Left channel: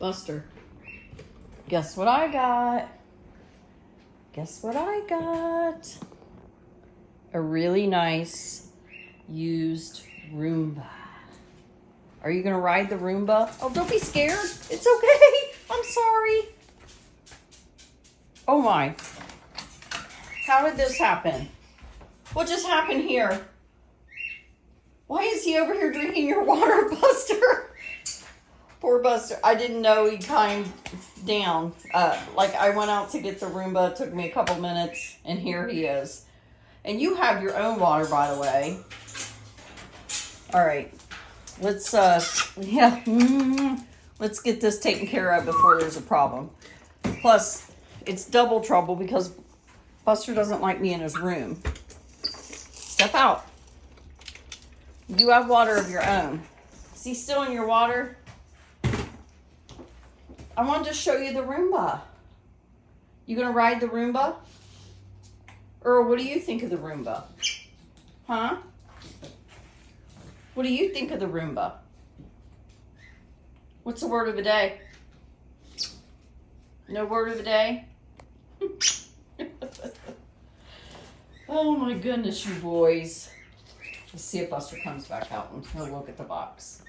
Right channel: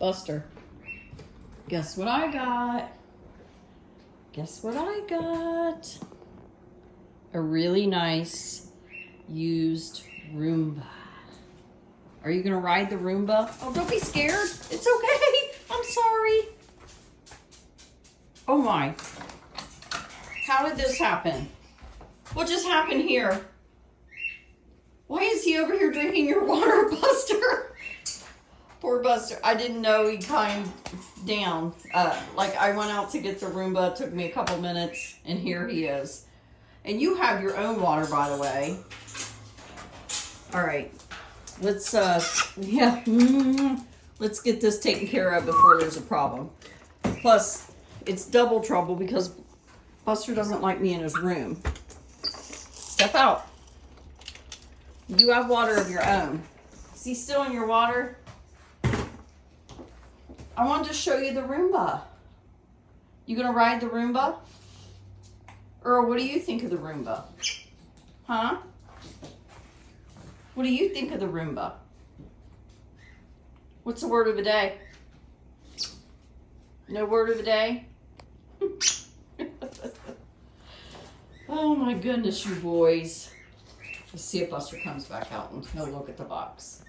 Buster, guess what I got? Guess what I got? A really nice used Roomba. Are you gonna ride the Roomba? Oh, don't be scared. It's okay. I'm sorry. Oh my. How did this happen? What just happened here? Why is he over here drinking your water, Buster? Poor Buster. I didn't know he climbed down. Like I went out to get the Roomba. It took me a couple minutes and here he is. And you have your own water, by the way. All right. Let's, let's get this taken care of before there's a problem. Plus, it's double trouble because Buster doesn't like me in his room. Step out. You have water of your own. Is he still in your water? I wanted to show you the Roomba. You gonna ride the Roomba? Earl, what do you think of the Roomba? Huh? What do you think of the Roomba? What's the word of the day? No word of the day? Oh my goodness, you boys. Let's see if Buster comes back out and he'll look at the box.